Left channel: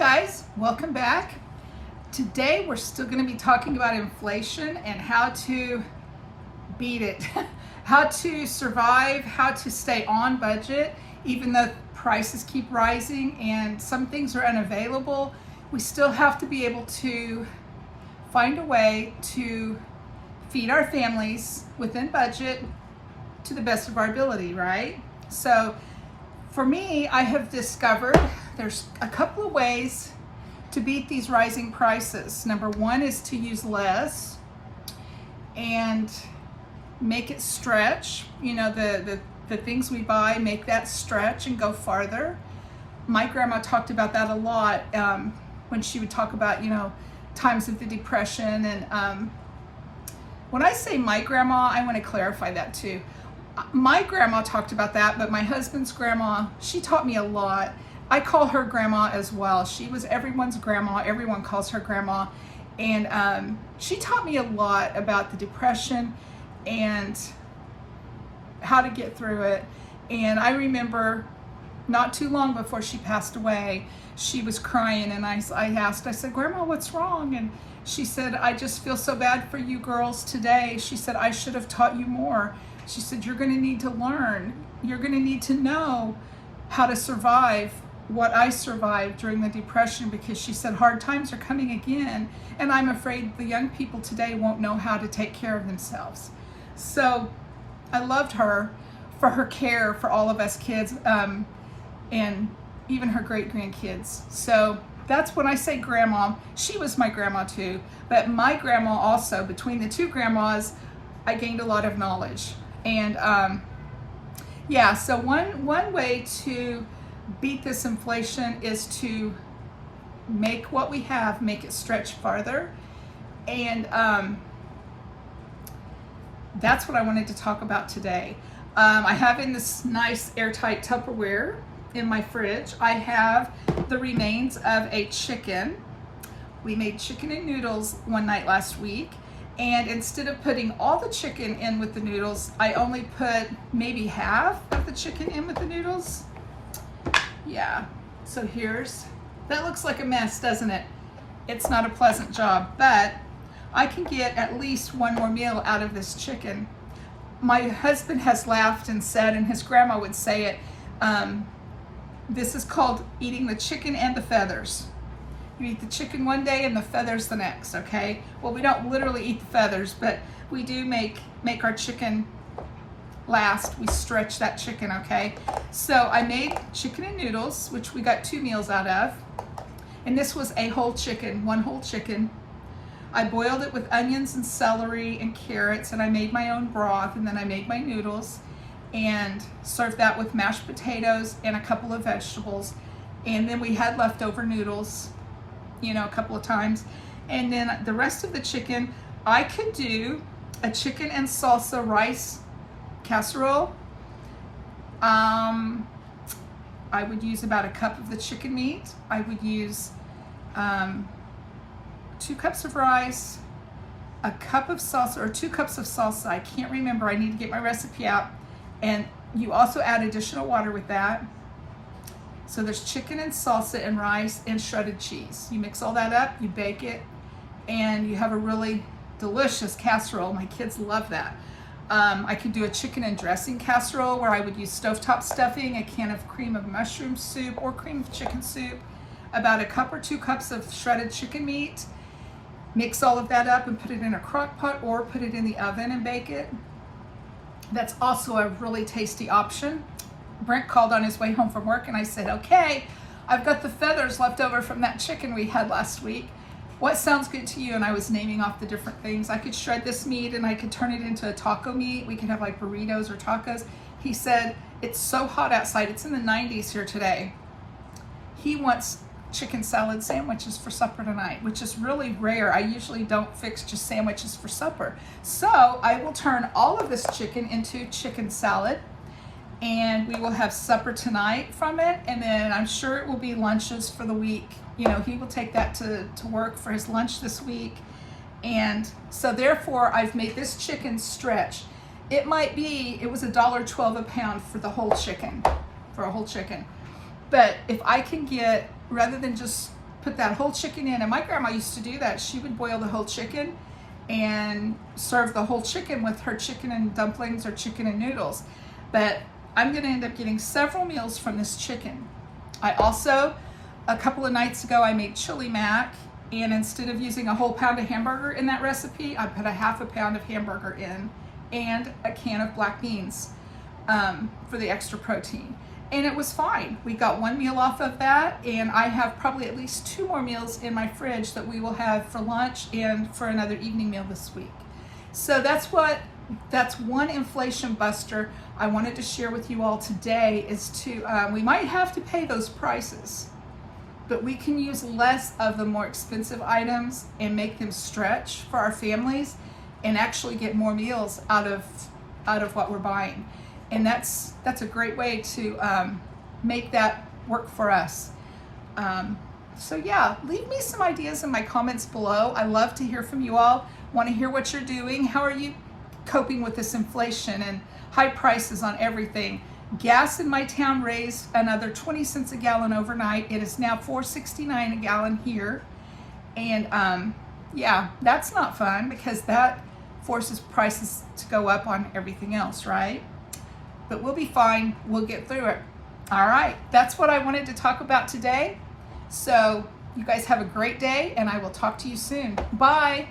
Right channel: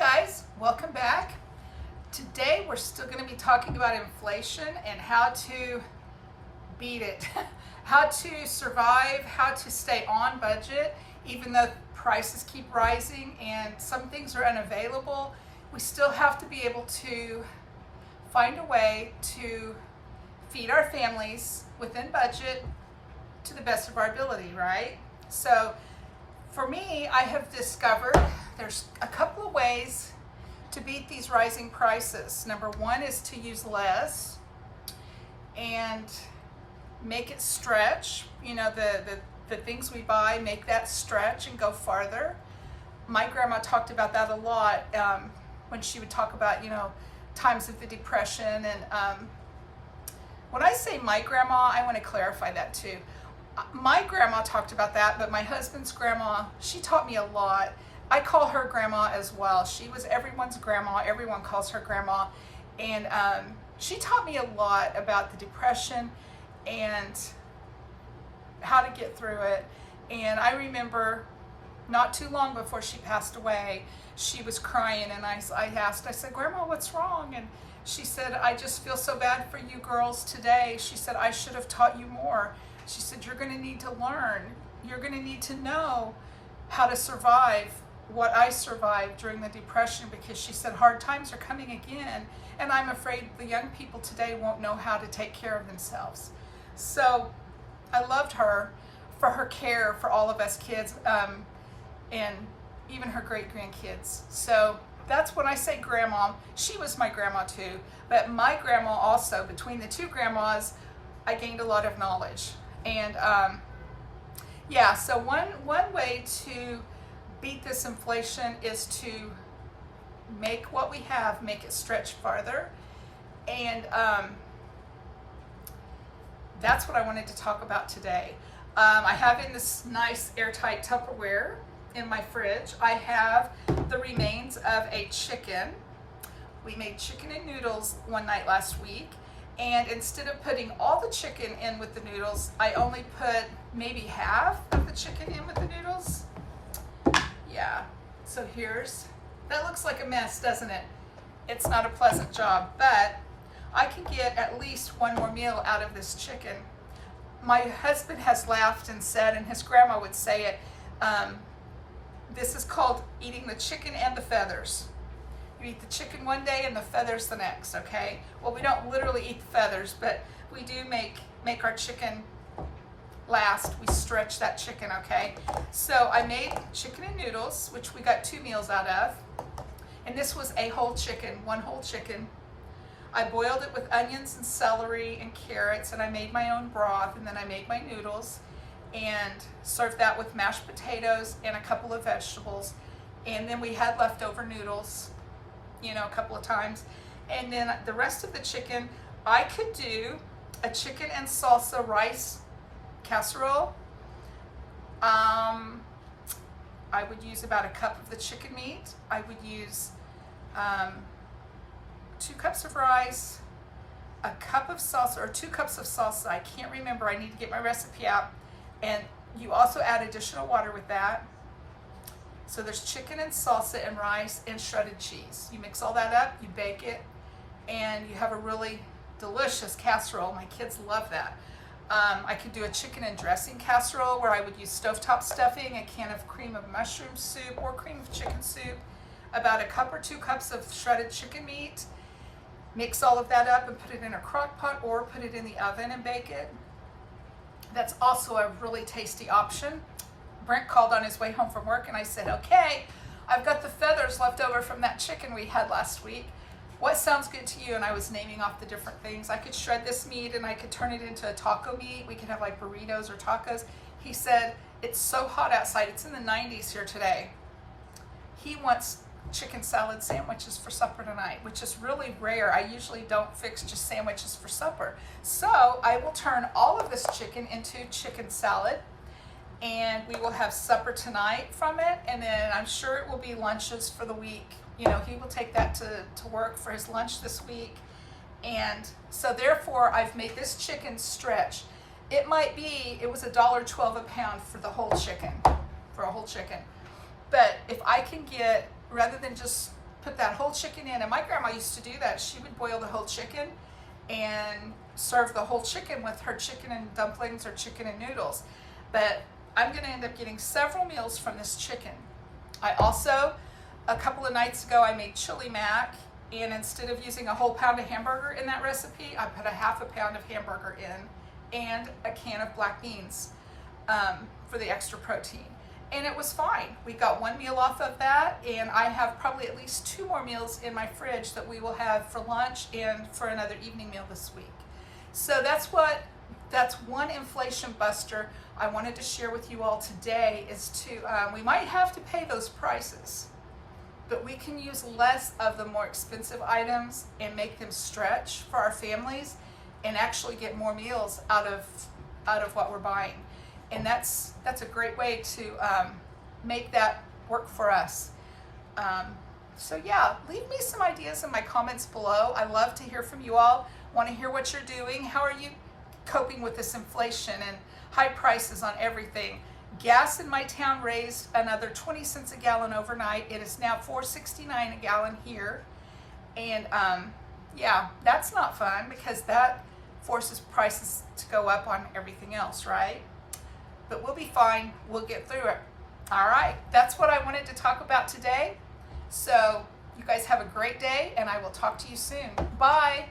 guys, welcome back. Today we're still going to be talking about inflation and how to beat it, how to survive, how to stay on budget even though prices keep rising and some things are unavailable. We still have to be able to find a way to feed our families within budget to the best of our ability, right? So for me, I have discovered there's a couple of ways to beat these rising prices. Number one is to use less and make it stretch. You know, the things we buy, make that stretch and go farther. My grandma talked about that a lot when she would talk about, you know, times of the Depression. And when I say my grandma, I want to clarify that too. My grandma talked about that, but my husband's grandma, she taught me a lot. I call her grandma as well. She was everyone's grandma. Everyone calls her grandma. And she taught me a lot about the Depression and how to get through it. And I remember not too long before she passed away, she was crying and I asked, I said, Grandma, what's wrong? And she said, I just feel so bad for you girls today. She said, I should have taught you more. She said, you're going to need to learn. You're going to need to know how to survive what I survived during the Depression, because she said hard times are coming again and I'm afraid the young people today won't know how to take care of themselves. So I loved her for her care for all of us kids and even her great grandkids. So that's when I say grandma. She was my grandma too, but my grandma also, between the two grandmas, I gained a lot of knowledge. And yeah, so one way to beat this inflation is to make what we have, make it stretch farther. And that's what I wanted to talk about today. I have in this nice airtight Tupperware in my fridge, I have the remains of a chicken. We made chicken and noodles one night last week. And instead of putting all the chicken in with the noodles, I only put maybe half of the chicken in with the noodles. Yeah, so that looks like a mess, doesn't it? It's not a pleasant job, but I can get at least one more meal out of this chicken. My husband has laughed and said, and his grandma would say it, this is called eating the chicken and the feathers. You eat the chicken one day and the feathers the next, okay? Well, we don't literally eat the feathers, but we do make our chicken last. We stretch that chicken, okay? So I made chicken and noodles, which we got 2 meals out of. And this was a whole chicken, one whole chicken. I boiled it with onions and celery and carrots, and I made my own broth, and then I made my noodles and served that with mashed potatoes and a couple of vegetables. And then we had leftover noodles, you know, a couple of times. And then the rest of the chicken, I could do a chicken and salsa rice casserole. I would use about a cup of the chicken meat. I would use 2 cups of rice, a cup of salsa, or 2 cups of salsa. I can't remember. I need to get my recipe out. And you also add additional water with that. So there's chicken and salsa and rice and shredded cheese. You mix all that up, you bake it, and you have a really delicious casserole. My kids love that. I could do a chicken and dressing casserole where I would use stovetop stuffing, a can of cream of mushroom soup or cream of chicken soup, about a cup or 2 cups of shredded chicken meat. Mix all of that up and put it in a crock pot or put it in the oven and bake it. That's also a really tasty option. Brent called on his way home from work and I said, okay, I've got the feathers left over from that chicken we had last week. What sounds good to you? And I was naming off the different things. I could shred this meat and I could turn it into a taco meat. We could have like burritos or tacos. He said, it's so hot outside. It's in the 90s here today. He wants chicken salad sandwiches for supper tonight, which is really rare. I usually don't fix just sandwiches for supper. So I will turn all of this chicken into chicken salad, and we will have supper tonight from it, and then I'm sure it will be lunches for the week. You know, he will take that to work for his lunch this week. And so therefore I've made this chicken stretch. It was $1.12 a pound for the whole chicken, for a whole chicken. But if I can get, rather than just put that whole chicken in. And my grandma used to do that. She would boil the whole chicken and serve the whole chicken with her chicken and dumplings or chicken and noodles. But I'm gonna end up getting several meals from this chicken. I also, a couple of nights ago, I made chili mac, and instead of using a whole pound of hamburger in that recipe, I put a half a pound of hamburger in and a can of black beans for the extra protein. And it was fine. We got one meal off of that, and I have probably at least 2 more meals in my fridge that we will have for lunch and for another evening meal this week. So that's one inflation buster I wanted to share with you all today, is to, we might have to pay those prices, but we can use less of the more expensive items and make them stretch for our families and actually get more meals out of what we're buying. And that's a great way to make that work for us. So yeah, leave me some ideas in my comments below. I love to hear from you all. Want to hear what you're doing. How are you coping with this inflation and high prices on everything? Gas in my town raised another 20 cents a gallon overnight. It is now $4.69 a gallon here. And yeah, that's not fun, because that forces prices to go up on everything else, right? But we'll be fine. We'll get through it. All right, that's what I wanted to talk about today. So you guys have a great day, and I will talk to you soon. Bye.